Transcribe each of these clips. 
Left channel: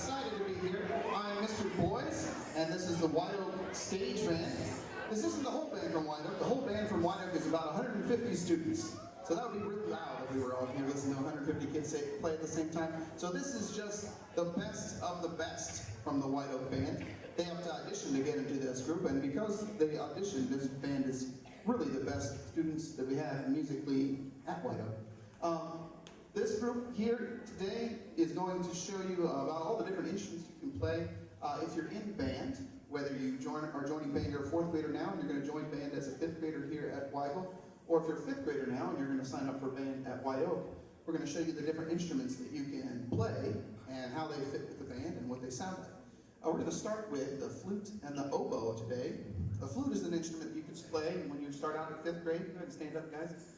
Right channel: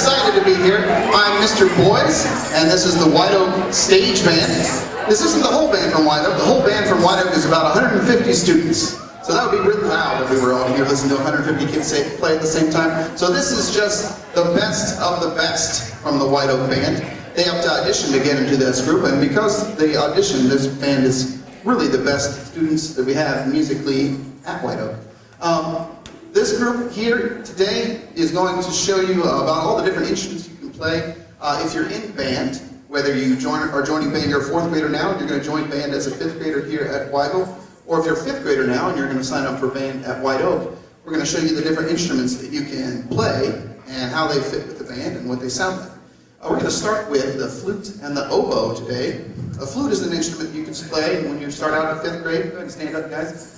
excited to be here. I'm Mr. Boys, and this is the White Oak Stage Band. This isn't the whole band from White Oak. The whole band from White Oak is about 150 students. So that would be really loud if we were all here listening to 150 kids play at the same time. So this is just the best of the best from the White Oak Band. They have to audition to get into this group, and because they auditioned, this band is really the best students that we have musically at White Oak. This group here today is going to show you about all the different instruments you can play. If you're in band, whether you are joining band, you're a 4th grader now, and you're going to join band as a 5th grader here at Weigel, or if you're a 5th grader now and you're going to sign up for band at White Oak, we're going to show you the different instruments that you can play and how they fit with the band and what they sound like. We're going to start with the flute and the oboe today. A flute is an instrument you can play when you start out in 5th grade. Go ahead and stand up, guys.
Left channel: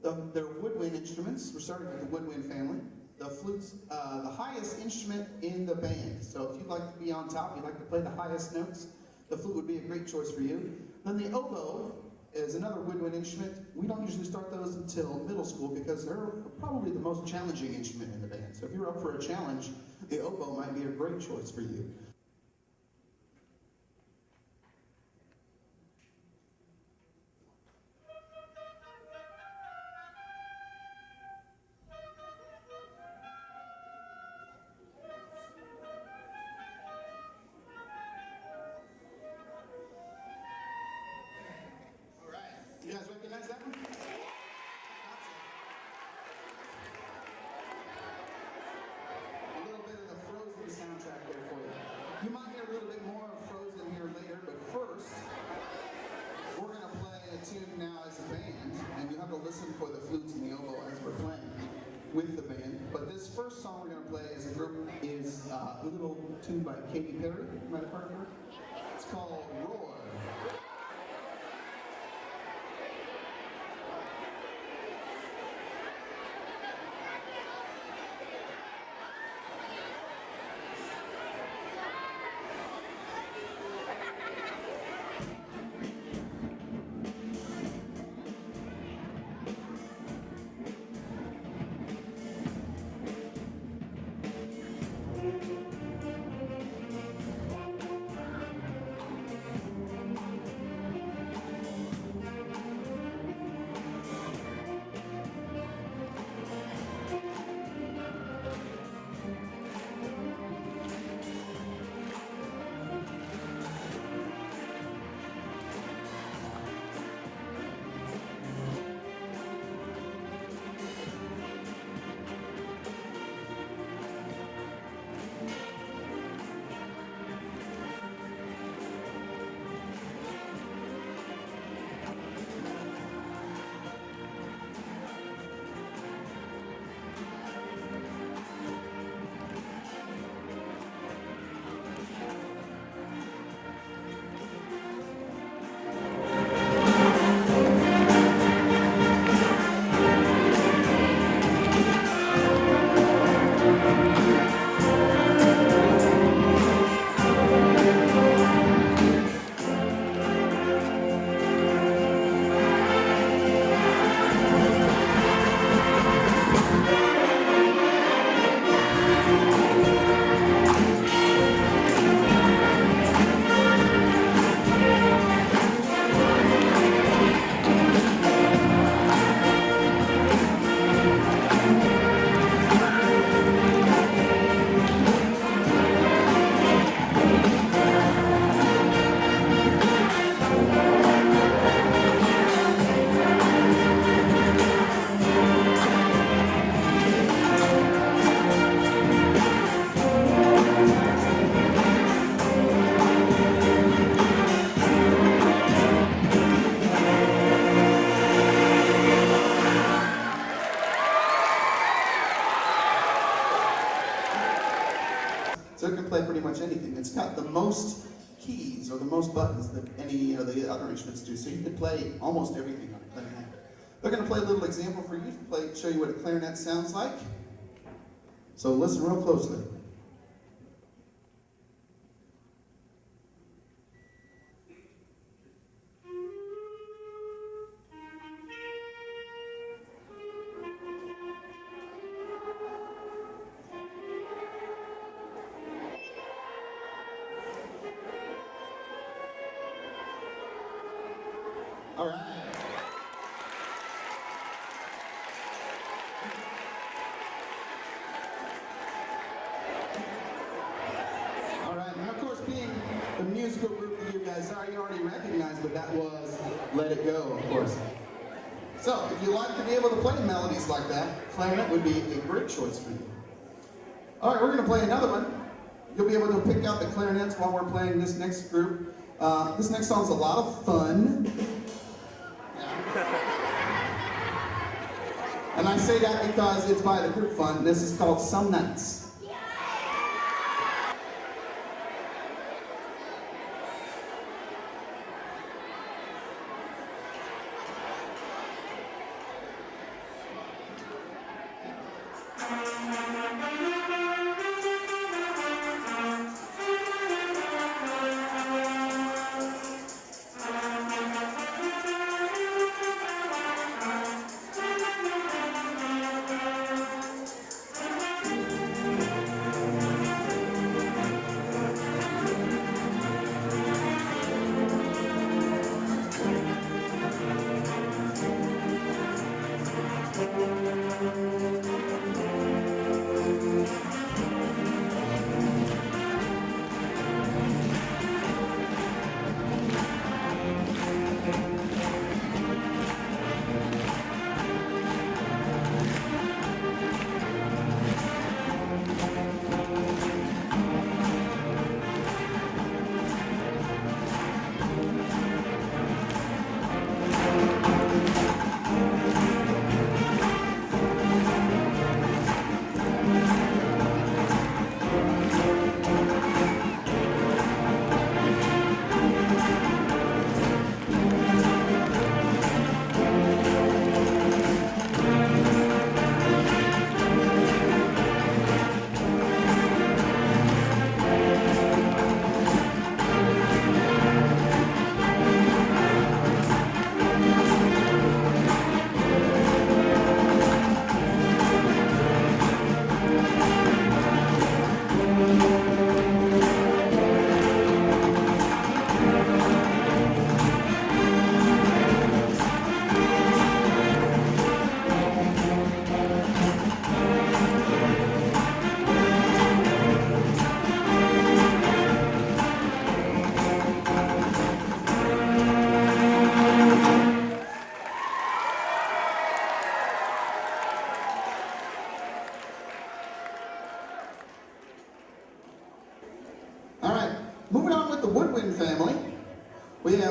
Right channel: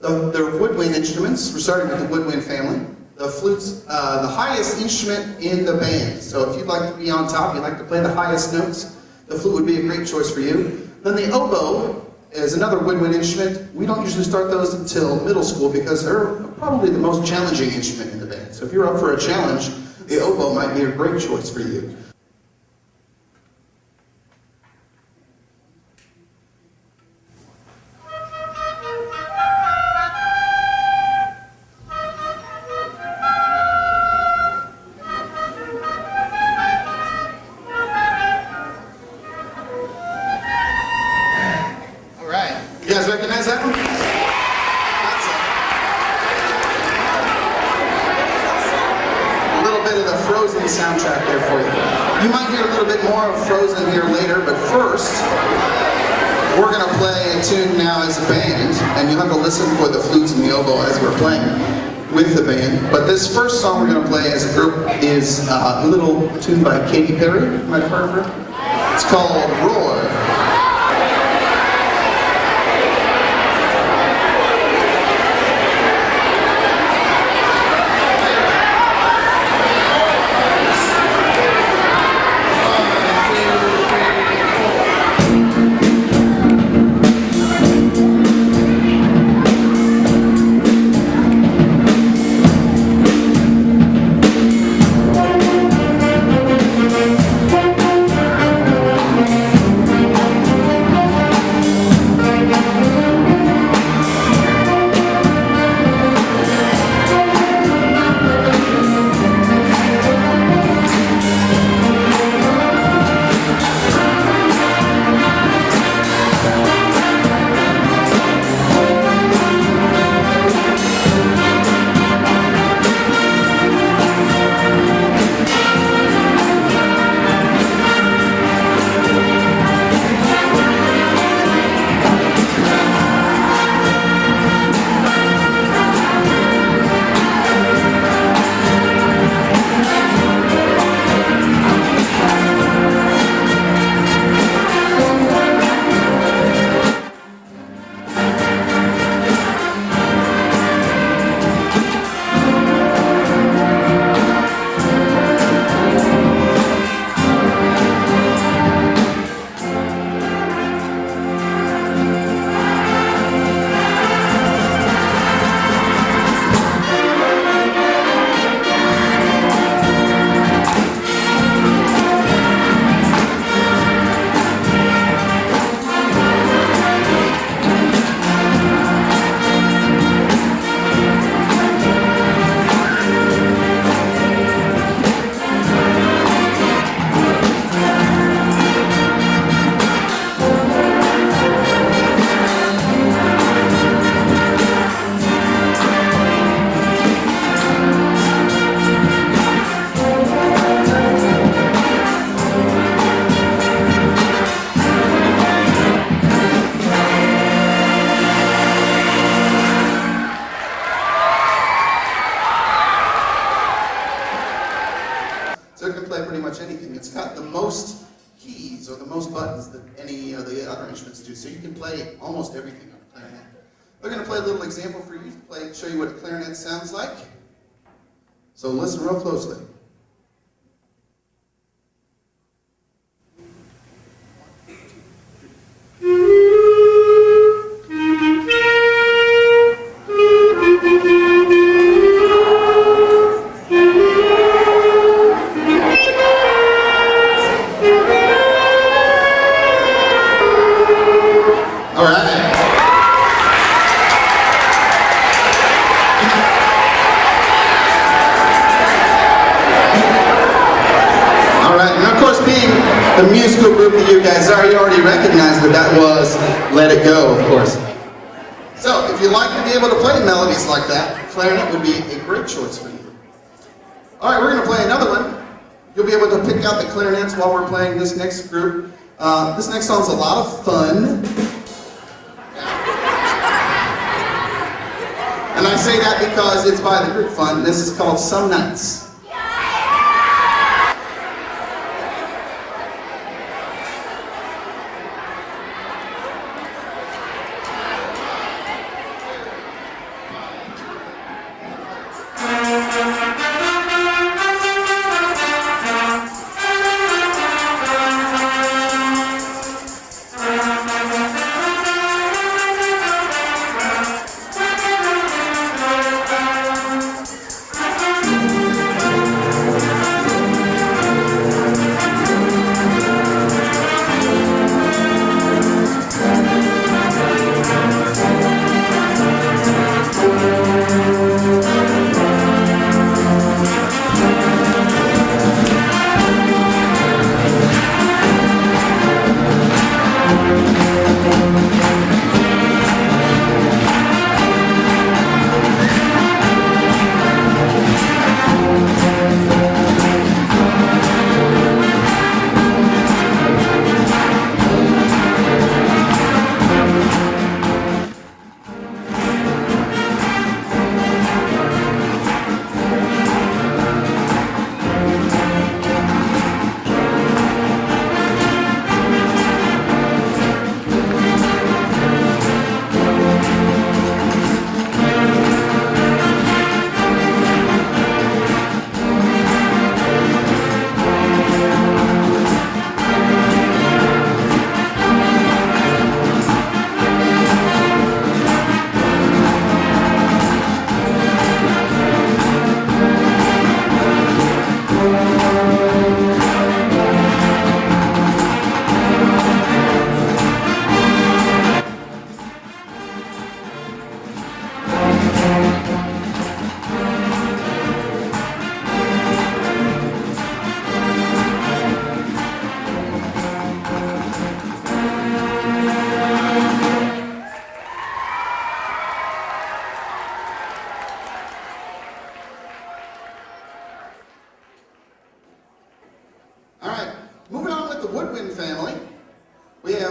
They're woodwind instruments. We're starting with the woodwind family. The flute's the highest instrument in the band. So if you'd like to be on top, you'd like to play the highest notes, the flute would be a great choice for you. Then the oboe is another woodwind instrument. We don't usually start those until middle school because they're probably the most challenging instrument in the band. So if you're up for a challenge, the oboe might be a great choice for you. You guys recognize that one? That's a little bit of the Frozen soundtrack there for you. You might hear a little bit more of Frozen here later, but first, we're going to play a tune now as a band, and you'll have to listen for the flutes and the oboe as we're playing with the band. But this first song we're going to play as a group is a little tune by Katy Perry. You might have heard of her. It's called Roar. Anything. It's got the most keys or the most buttons that any of the other instruments do, so you can play almost everything on a clarinet. We're going to play a little example for you to show you what a clarinet sounds like. So listen real closely. the musical group that you guys are. You already recognized that was Let It Go, of course. So, if you like to be able to play melodies like that, clarinet would be a great choice for you. All right, we're going to play another one. You'll be able to pick out the clarinets while we're playing this next group. This next song's a lot of fun. And I say that because it's by the group Fun. This is called Some Nights.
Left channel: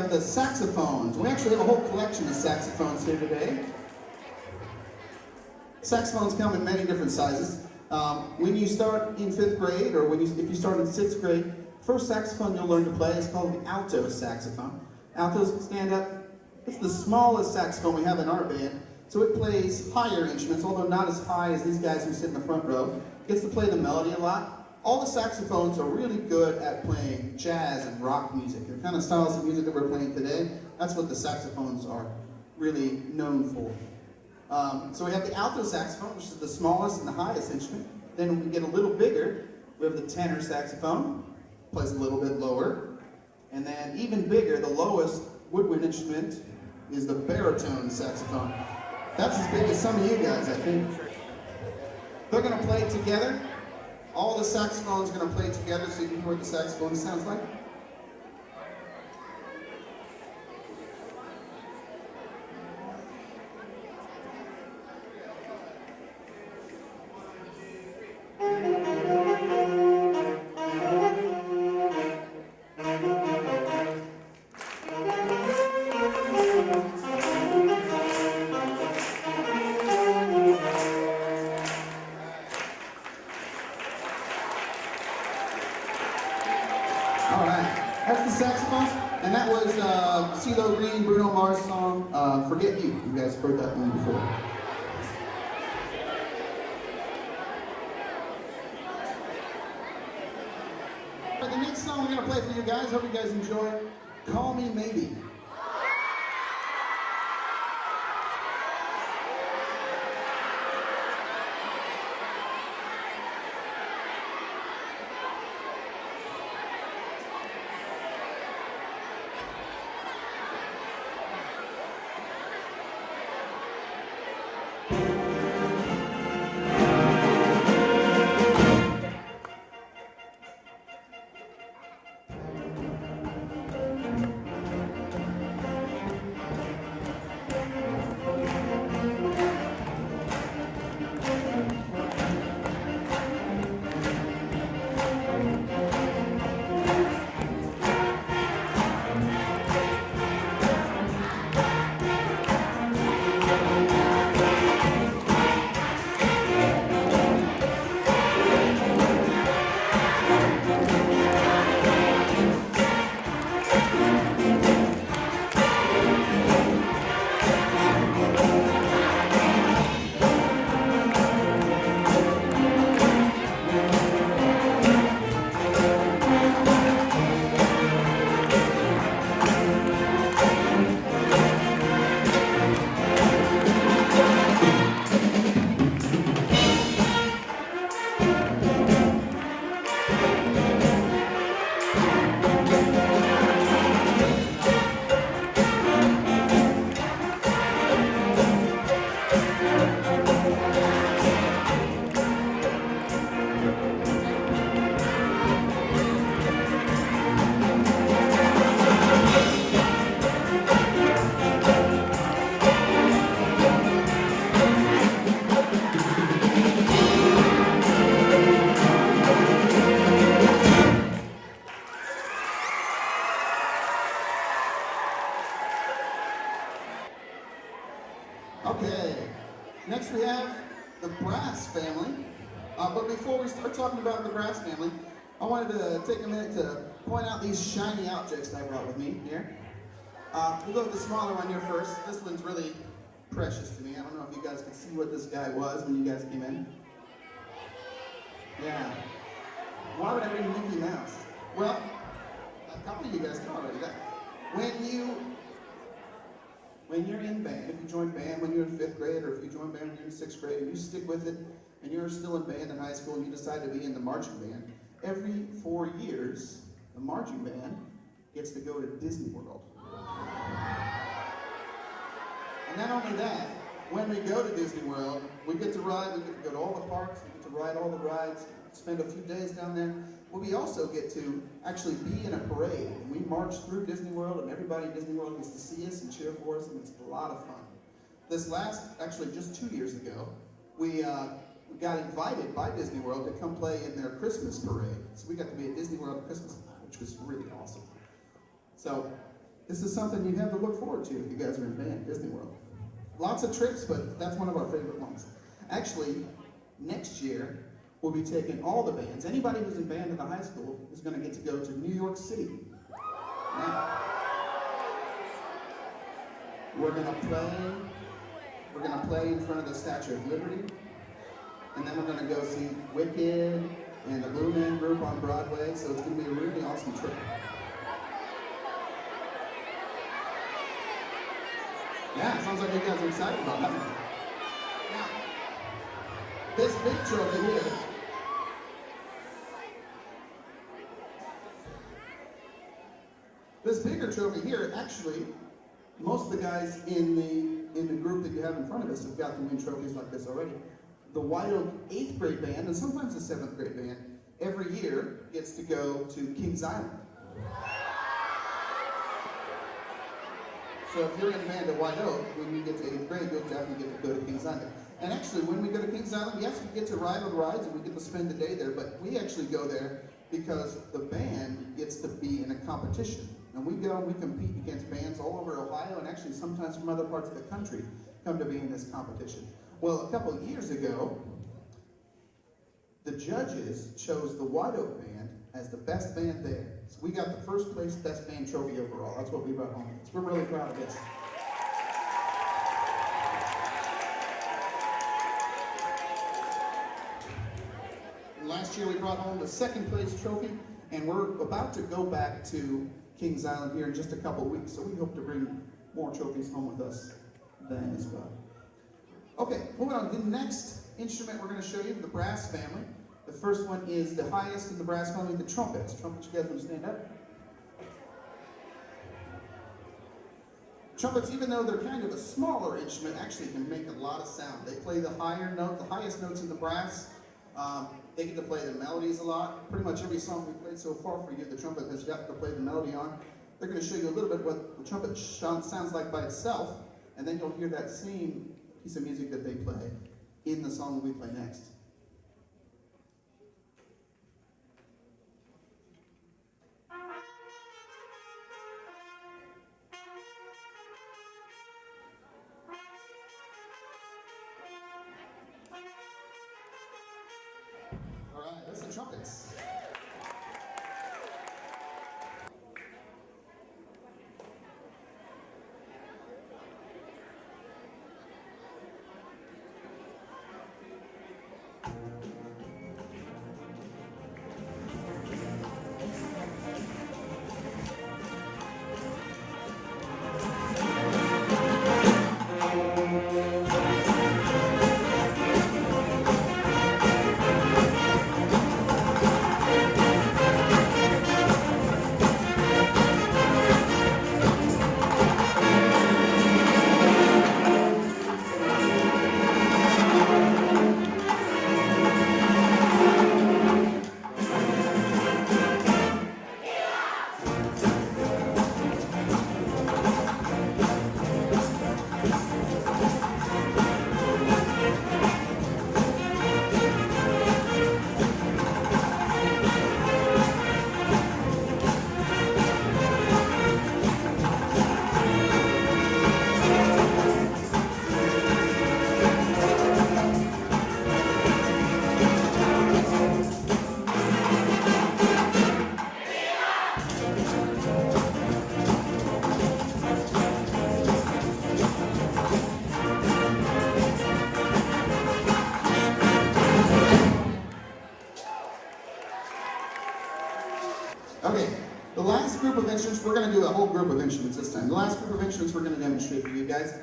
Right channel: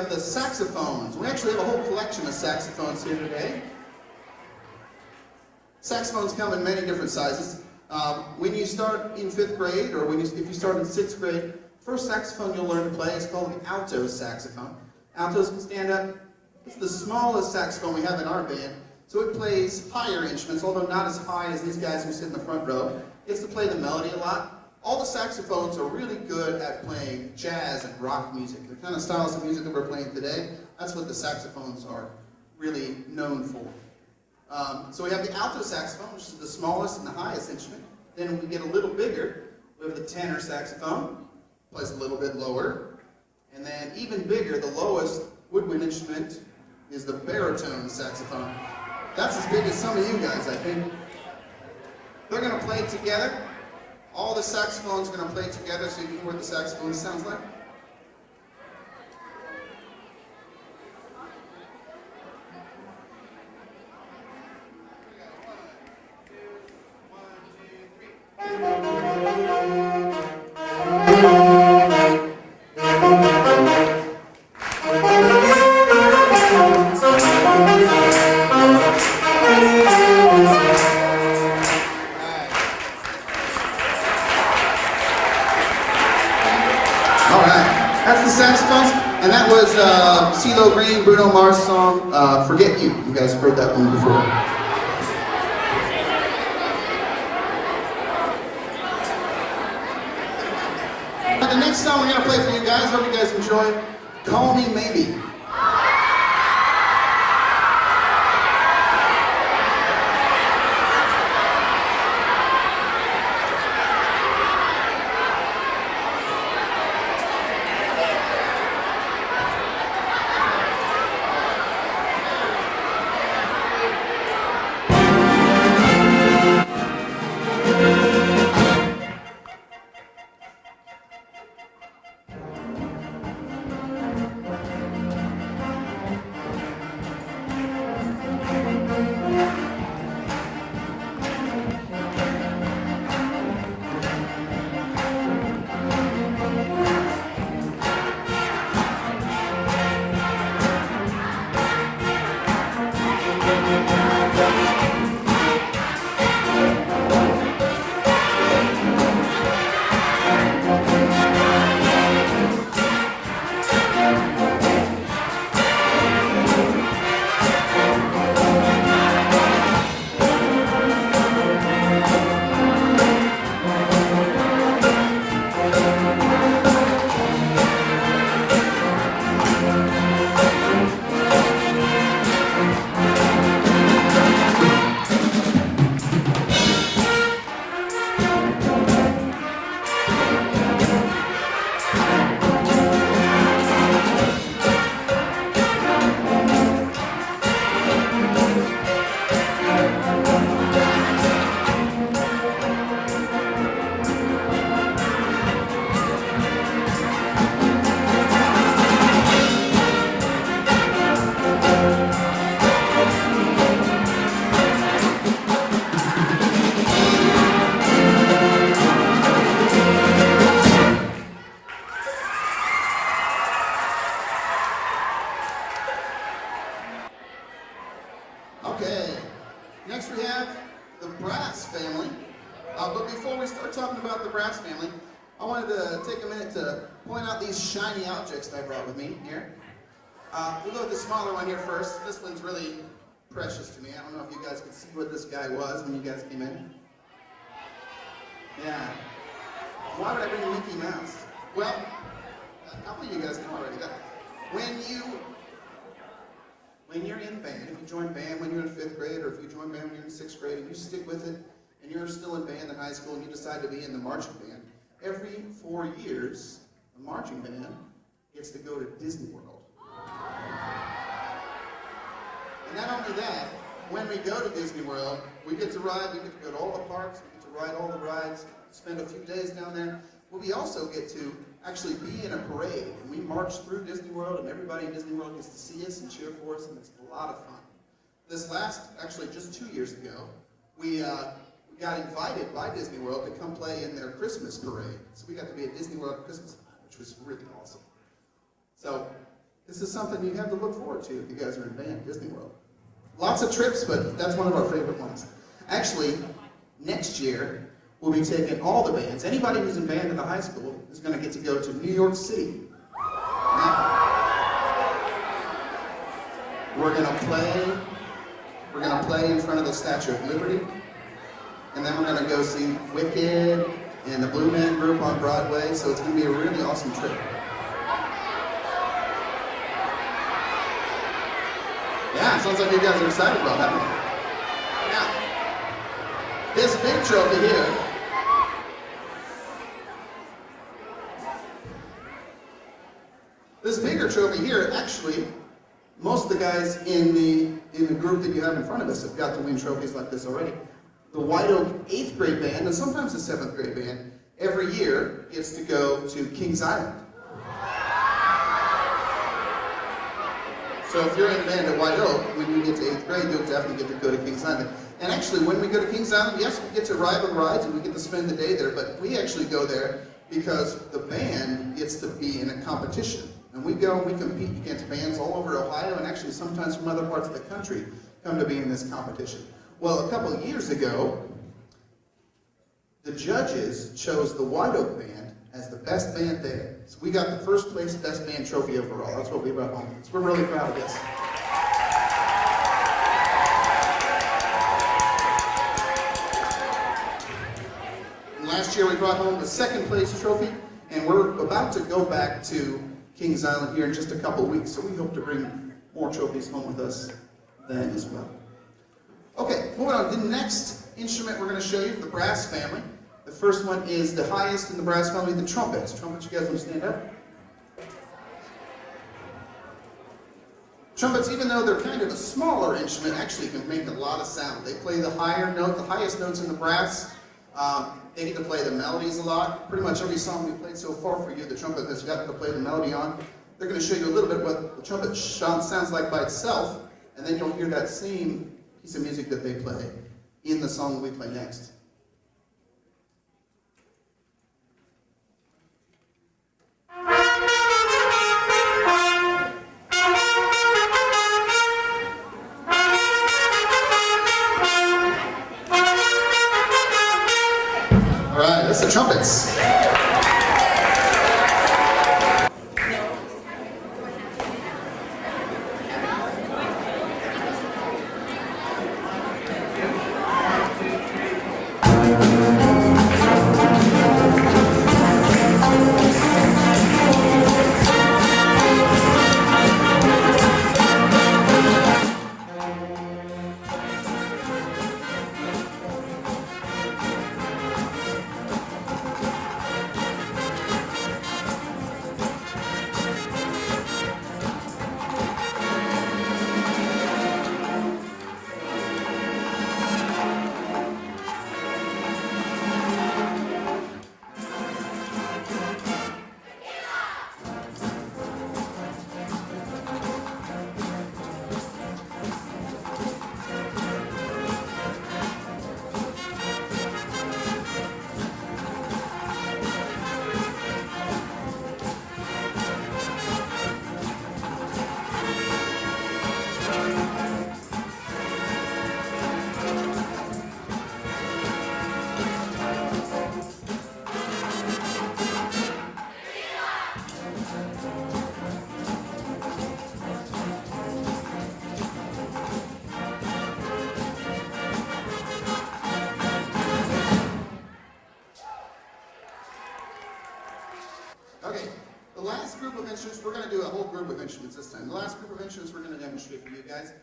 The saxophones. We actually have a whole collection of saxophones here today. Saxophones come in many different sizes. When you start in 5th grade, or if you start in 6th grade, first saxophone you'll learn to play is called the alto saxophone. Altos can stand up. It's the smallest saxophone we have in our band, so it plays higher instruments, although not as high as these guys who sit in the front row. It gets to play the melody a lot. All the saxophones are really good at playing jazz and rock music. The kind of styles of music that we're playing today, that's what the saxophones are really known for. So we have the alto saxophone, which is the smallest and the highest instrument. Then when we get a little bigger, we have the tenor saxophone, plays a little bit lower. And then even bigger, the lowest woodwind instrument is the baritone saxophone. That's as big as some of you guys, I think. They're going to play it together. All the saxophones are going to play together, so you can hear what the saxophone sounds like. Saxophones, and that was CeeLo Green, Bruno Mars' song, Forget You. You guys have heard that one before. The next song we're going to play for you guys, hope you guys enjoy, Call Me Maybe. family, I wanted to take a minute to point out these shiny objects that I brought with me here. We'll go with the smaller one here first. This one's really precious to me. I don't know if you guys could see what this guy was when you guys came in. Yeah. Why would I bring Mickey Mouse? Well, a couple of you guys know already that. When you're in band, if you join band when you're in 5th grade, or if you join band when you're in 6th grade, and you stick with it, and you're still in band in high school, and you decide to be in the marching band, every 4 years, the marching band gets to go to Disney World. And not only that, when we go to Disney World, we get to ride, we get to go to all the parks, we get to ride all the rides, spend a few days down there. Well, we also get to actually be in a parade, and we march through Disney World, and everybody in Disney World gets to see us and cheer for us, and it's a lot of fun. This last, actually just 2 years ago, we got invited by Disney World to come play in their Christmas parade. So we got to be at Disney World Christmas, which was really awesome. So this is something you have to look forward to if you guys are in band, Disney World. Lots of trips, but that's one of our favorite ones. Actually, next year, we'll be taking all the bands. Anybody who's in band at the high school is going to get to go to New York City. Now, we're going to play in front of the Statue of Liberty, and then we're going to go see Wicked and the Blue Man Group on Broadway, so it's going to be a really awesome trip. Yeah, sounds like you guys are excited about that one. Now, this big trophy here, this bigger trophy here, actually, most of the guys in the group that you have in front of us have got to win trophies like this already. The White Oak 8th grade band, and sometimes the 7th grade band, every year gets to go to Kings Island. So if you're in band at White Oak, when you get to 8th grade, you'll definitely get to go to Kings Island. And actually, when we go to Kings Island, yes, we get to ride the rides and we get to spend the day there, but we actually go there because the band gets to be in a competition. And we go and we compete against bands all over Ohio, and actually sometimes from other parts of the country come to be in this competition. Well, a couple of years ago, the judges chose the White Oak band as the best band there. So we got the first place best band trophy overall. That's what we brought home. So we're really proud of this. And last year we brought home the 2nd place trophy, and we're about to go back to Kings Island here in just a couple of weeks, so we hope to bring more trophies home with us then as well. Okay, moving on. The next instrument we're going to show you, the brass family. The first one is the highest in the brass family, the trumpets. Trumpets, you guys want to stand up? Trumpets, even though they're kind of a smaller instrument, actually can make a lot of sound. They play the higher note, the highest notes in the brass. They get to play the melodies a lot. Pretty much every song we played so far for you, the trumpet has got to play the melody on. They're going to show you a little bit what the trumpet sounds like by itself, and then you'll hear that same piece of music that they play in the song we play next. All right, that's the trumpets. Okay, the last group of instruments, we're going to do a whole group of instruments this time. The last group of instruments we're going to demonstrate for you guys.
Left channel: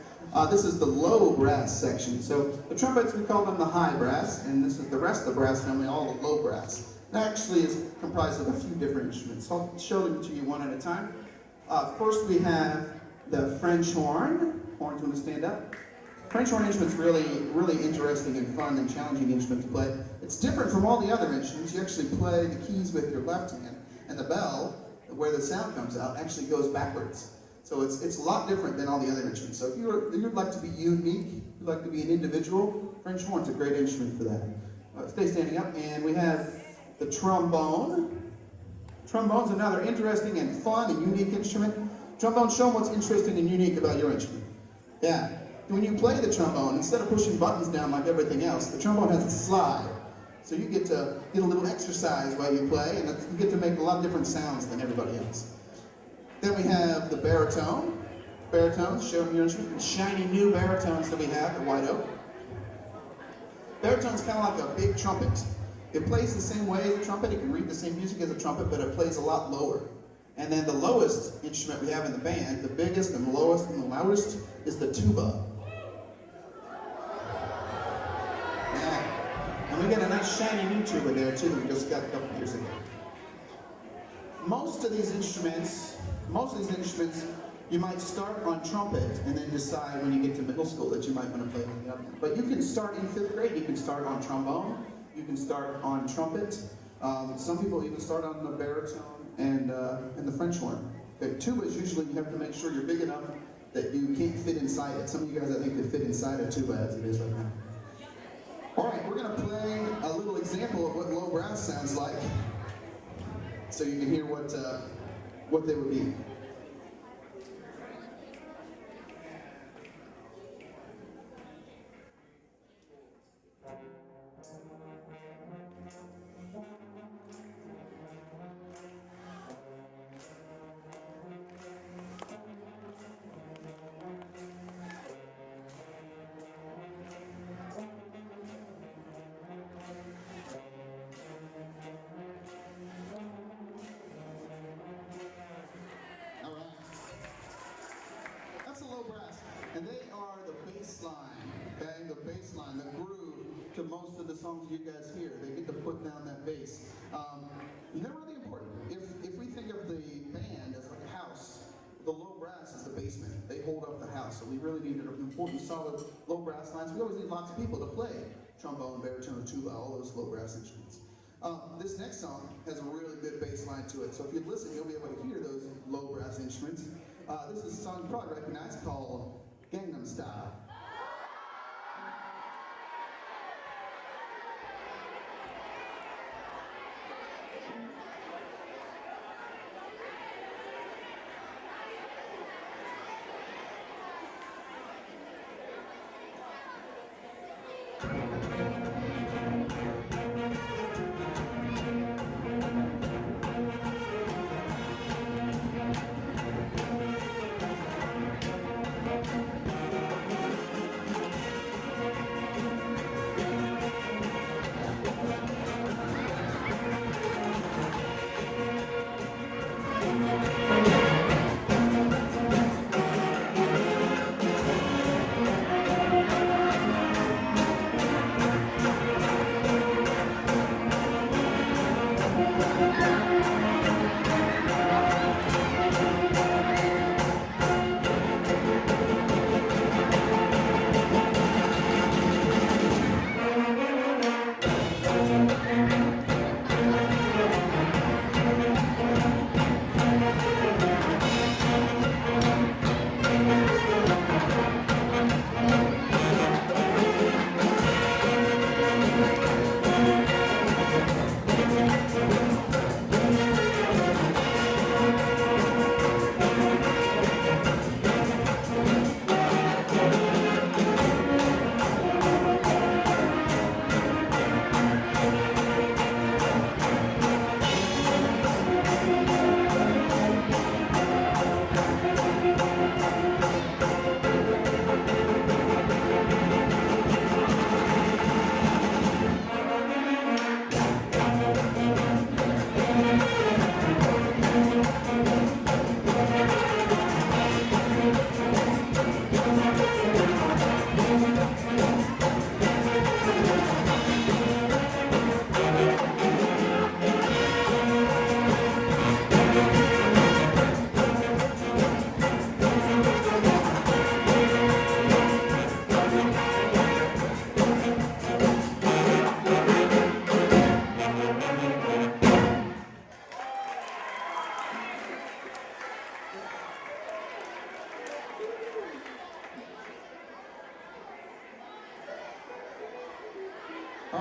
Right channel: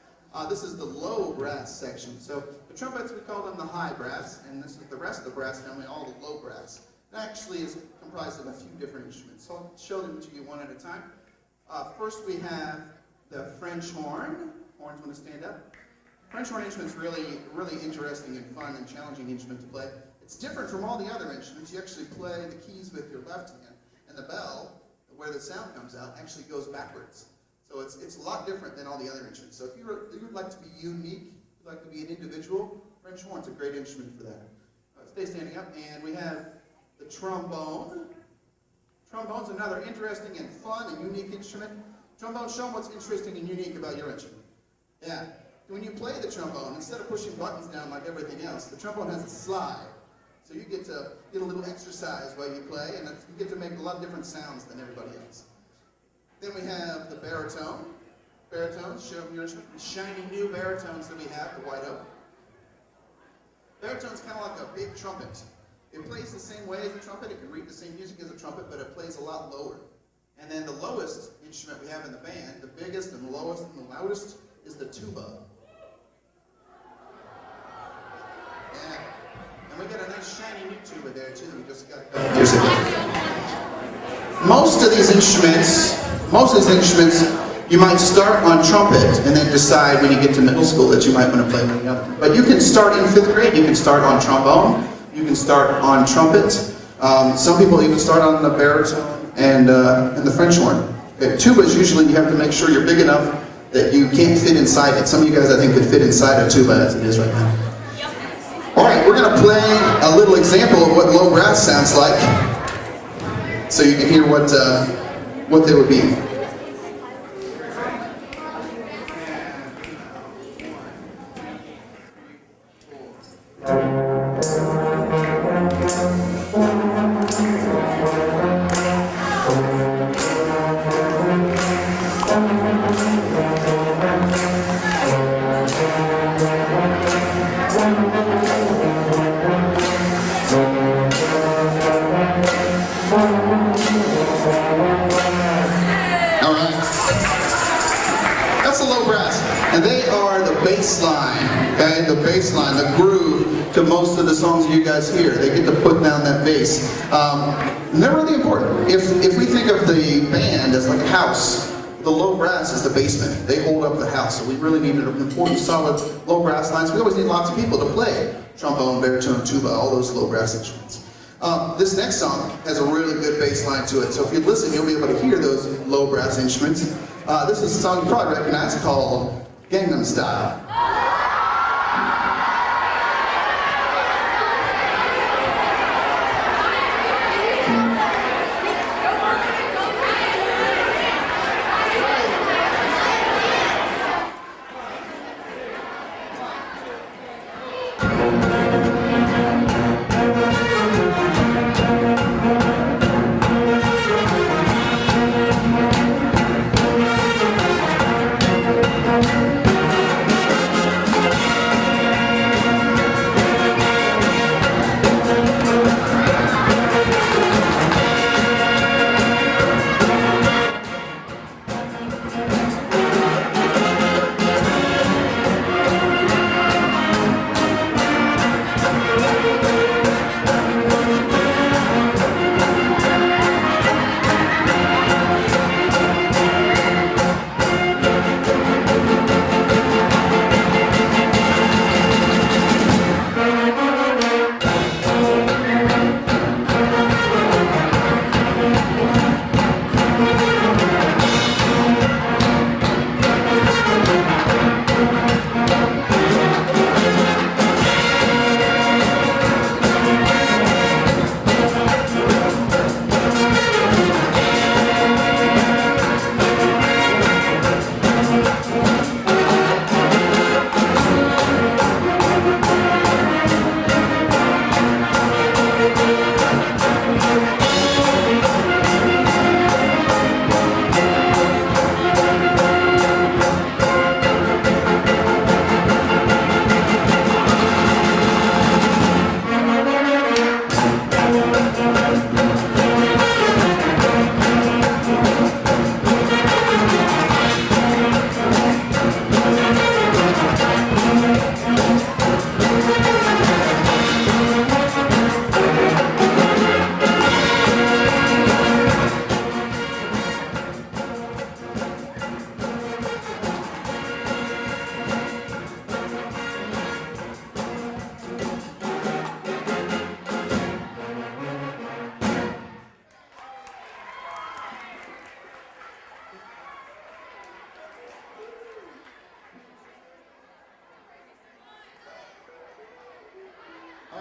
This is the low brass section. So the trumpets, we call them the high brass, and this is the rest of the brass family, all the low brass. It actually is comprised of a few different instruments. So I'll show them to you one at a time. First we have the French horn. Horns want to stand up. French horn instrument's really interesting and fun and challenging instrument to play. It's different from all the other instruments. You actually play the keys with your left hand, and the bell, where the sound comes out, actually goes backwards. So it's a lot different than all the other instruments. So if you'd like to be unique, you'd like to be an individual, French horn's a great instrument for that. Stay standing up, and we have the trombone. Trombone's another interesting and fun and unique instrument. Trombone, show them what's interesting and unique about your instrument. Yeah. When you play the trombone, instead of pushing buttons down like everything else, the trombone has a slide. So you get to get a little exercise while you play, and you get to make a lot of different sounds than everybody else. Then we have the baritone. Baritones, show them your instrument. The shiny new baritones that we have, the white oak. Baritone's kind of like a big trumpet. It plays the same way as a trumpet. It can read the same music as a trumpet, but it plays a lot lower. And then the lowest instrument we have in the band, the biggest and lowest and the loudest, is the tuba. Yeah. And we got a nice shiny new tuba there too that we just got years ago. Most of these instruments, you might start on trumpet and then decide when you get to middle school that you might want to play one other. But you can start in 5th grade, you can start on trombone, you can start on trumpet. Some people even start on the baritone and the French horn. Okay, tubas, usually you have to make sure you're big enough that you can't fit inside it. Some of you guys, I think, could fit inside a tuba as it is right now. All right, we're going to play a little example of what low brass sounds like, so you can hear what they would be. And they are the bass line, okay? The bass line, the groove to most of the songs you guys hear. They get to put down that bass. And they're really important. If we think of the band as like a house, the low brass is the basement. They hold up the house. So we really need an important, solid low brass lines. We always need lots of people to play trombone, baritone, tuba, all those low brass instruments. This next song has a really good bass line to it. So if you listen, you'll be able to hear those low brass instruments. This is a song you probably recognize called Gangnam Style.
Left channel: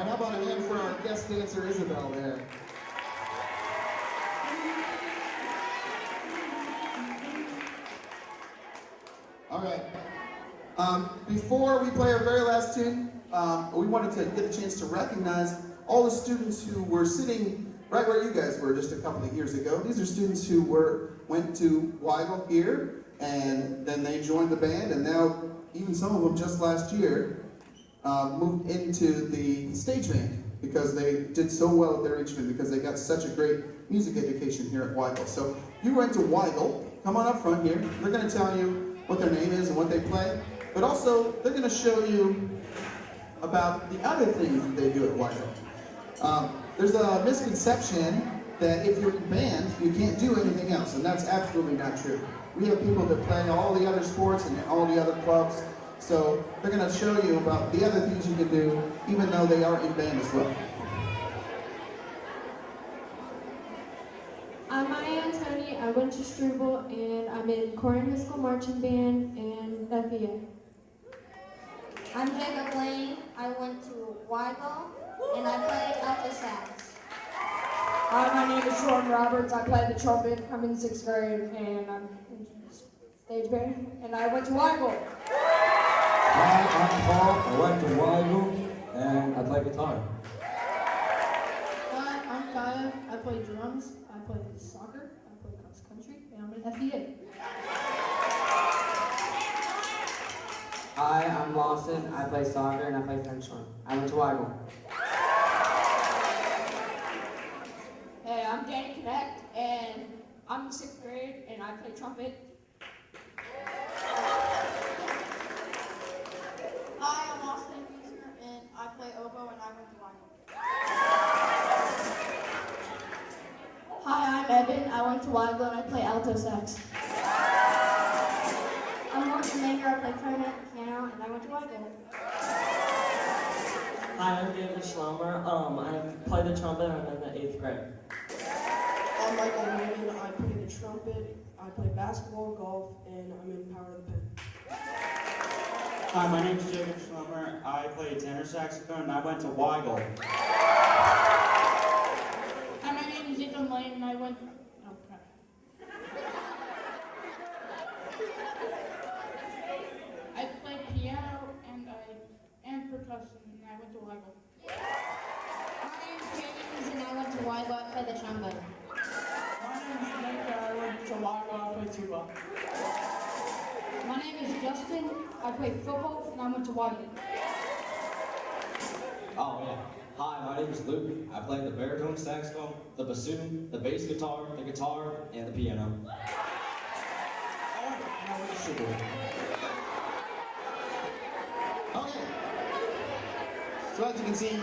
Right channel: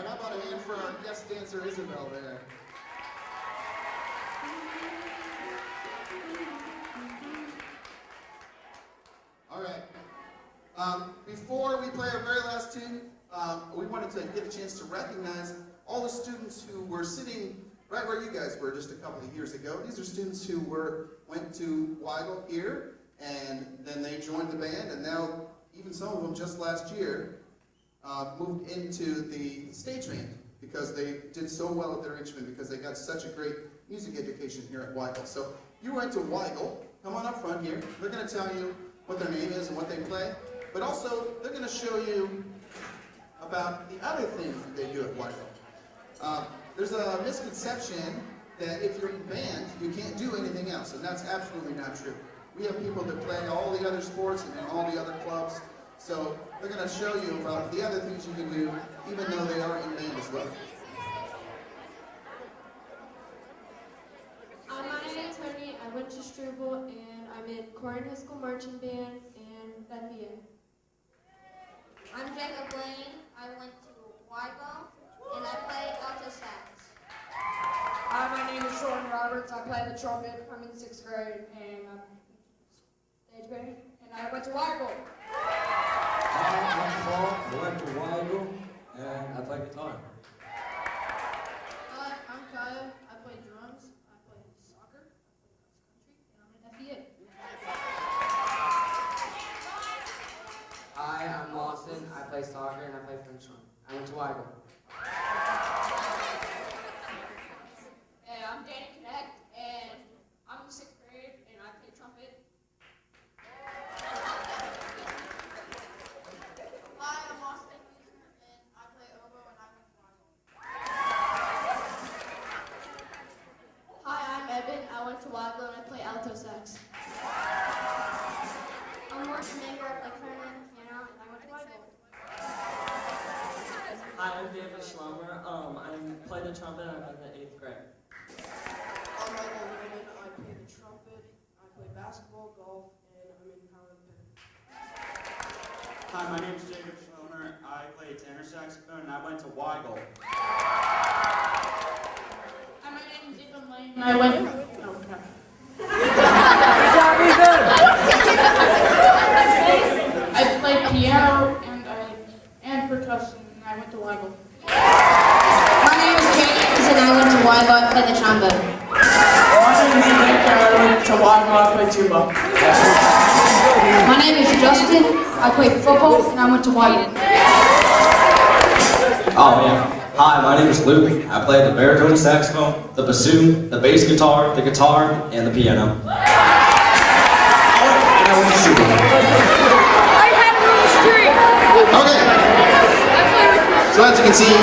right, how about a hand for our guest dancer, Isabel, there? All right. Before we play our very last tune, we wanted to get a chance to recognize all the students who were sitting right where you guys were just a couple of years ago. These are students who went to Weigel here, and then they joined the band, and now even some of them just last year moved into the stage band because they did so well at their instrument, because they got such a great music education here at Weigel. So you went to Weigel, come on up front here. They're going to tell you what their name is and what they play, but also they're going to show you about the other things that they do at Weigel. There's a misconception that if you're in band, you can't do anything else, and that's absolutely not true. We have people that play all the other sports and all the other clubs, so they're going to show you about the other things you can do, even though they are in band as well. My name's Tony. I went to Struble, and I'm in Corrin High School Marching Band and FBA. I'm Jacob Lane. I went to Weigel, and I played alto sax. Hi, my name is Sean Roberts. I play the trumpet. I'm in 6th grade, and I'm in stage band, and I went to Weigel. Hi, I'm Paul. I went to Weigel, and I play guitar. Hi, I'm Kaya. I play drums. I play soccer. I play cross country, and I'm in FBA. Hi, I'm Lawson. I play soccer and I play French horn. I went to Weigel. Hey, I'm Danny Connect, and I'm in 6th grade, and I play trumpet. Hi, I'm Austin Wiesner, and I play oboe, and I went to Weigel. Hi, I'm Evan. I went to Weigel, and I play alto sax. I'm Martin Maker. I play clarinet and piano, and I went to Weigel. Hi, I'm David Schlummer. I play the trumpet. I'm in the 8th grade. I'm Michael Newman. I play the trumpet. I play basketball, golf, and I'm in Power of the Pen. Hi, my name's Jacob Schlummer. I play tenor saxophone, and I went to Weigel. Hi, my name is Ethan Lane, and I went. I play piano and percussion, and I went to Weigel. My name is James, and I went to Weigel. I play the trombone. My name is Nick, and I went to Weigel. I play tuba. My name is Justin. I play football, and I went to Weigel. Oh, yeah. Hi, my name is Luke. I play the baritone saxophone, the bassoon, the bass guitar, the guitar, and the piano. And I went to Struble. Okay. So as you can see,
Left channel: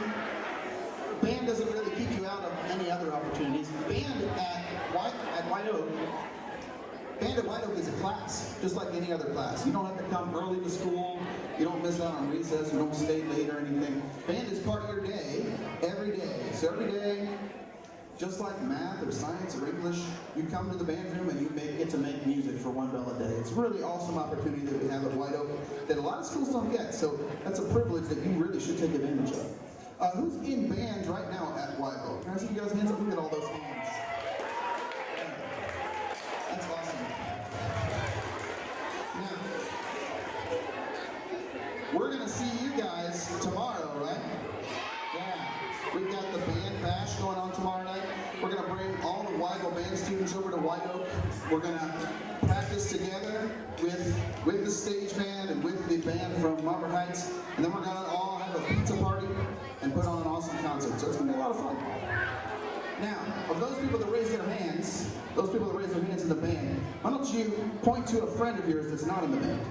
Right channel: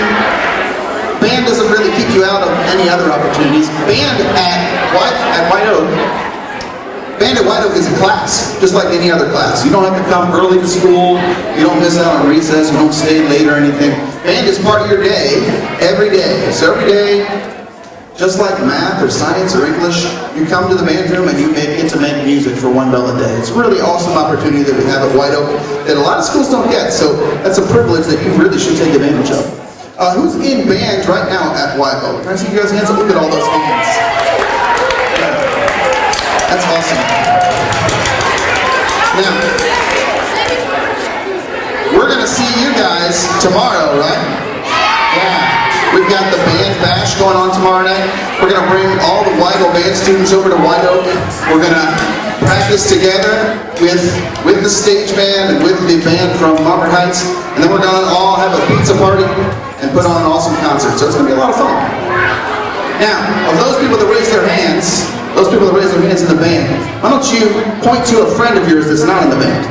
band doesn't really keep you out of any other opportunities. Band at White Oak, band at White Oak is a class, just like any other class. You don't have to come early to school, you don't miss out on recess, you don't stay late or anything. Band is part of your day, every day. So every day, just like math or science or English, you come to the band room and you get to make music for $1 a day. It's a really awesome opportunity that we have at White Oak that a lot of schools don't get, so that's a privilege that you really should take advantage of. Who's in band right now at White Oak? Can I see you guys' hands up? Look at all those hands. That's awesome. Now, we're going to see you guys tomorrow, right? Yeah. We've got the band bash going on tomorrow night. We're going to bring all the Weigel band students over to White Oak. We're going to practice together with the stage band and with the band from Monmouth Heights. And then we're going to all have a pizza party and put on an awesome concert. So it's going to be a lot of fun. Now, of those people that raise their hands, in the band, why don't you point to a friend of yours that's not in the band?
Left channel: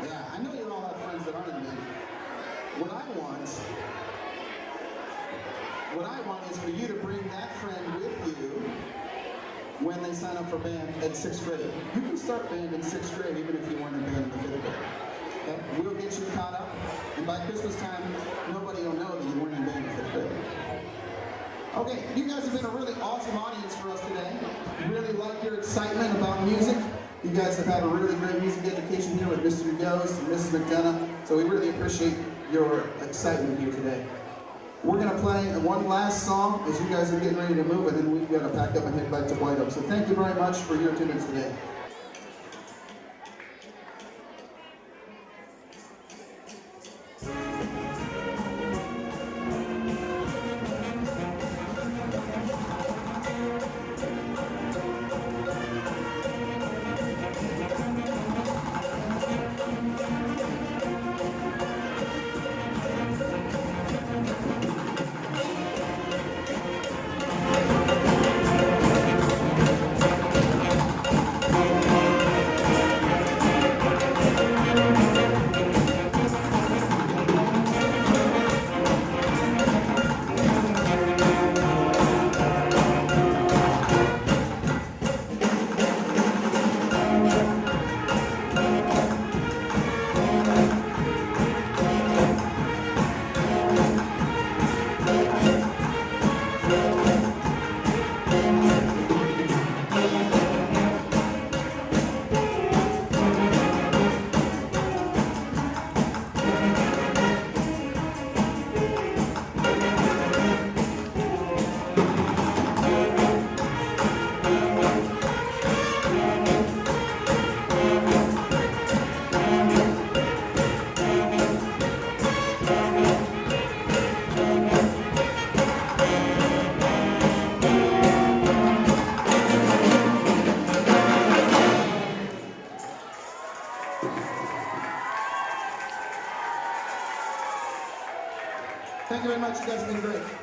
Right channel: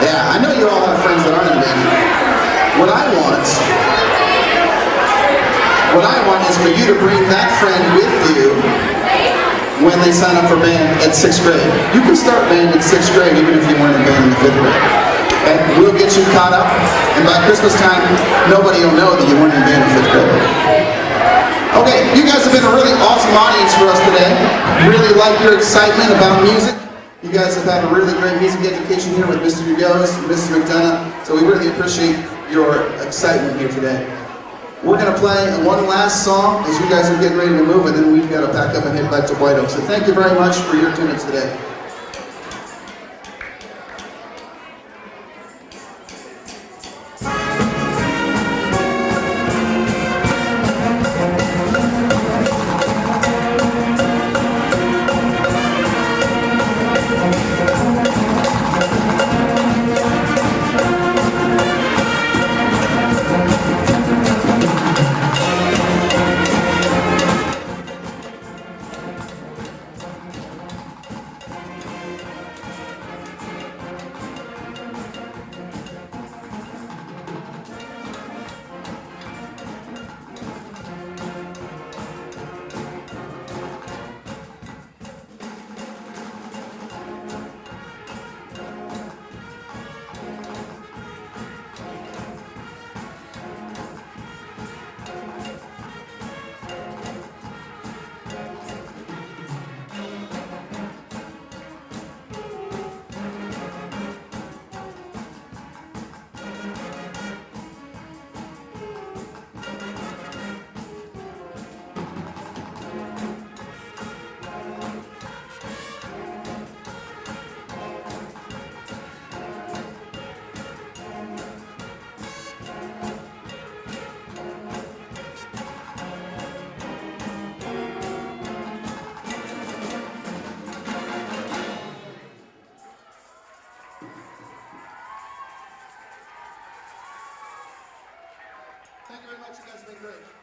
Yeah, I know you all have friends that aren't in the band. What I want is for you to bring that friend with you when they sign up for band at 6th grade. You can start band at 6th grade even if you weren't in band in the 5th grade. Okay? We'll get you caught up, and by Christmas time, nobody will know that you weren't in band in 5th grade. Okay, you guys have been a really awesome audience for us today. Really like your excitement about music. You guys have had a really great music education here with Mr. Yost and Mr. McDonough, so we really appreciate your excitement here today. We're going to play one last song as you guys are getting ready to move, and then we've got to pack up and head back to White Oak. So thank you very much for your attendance today. Thank you very much. You guys have been great.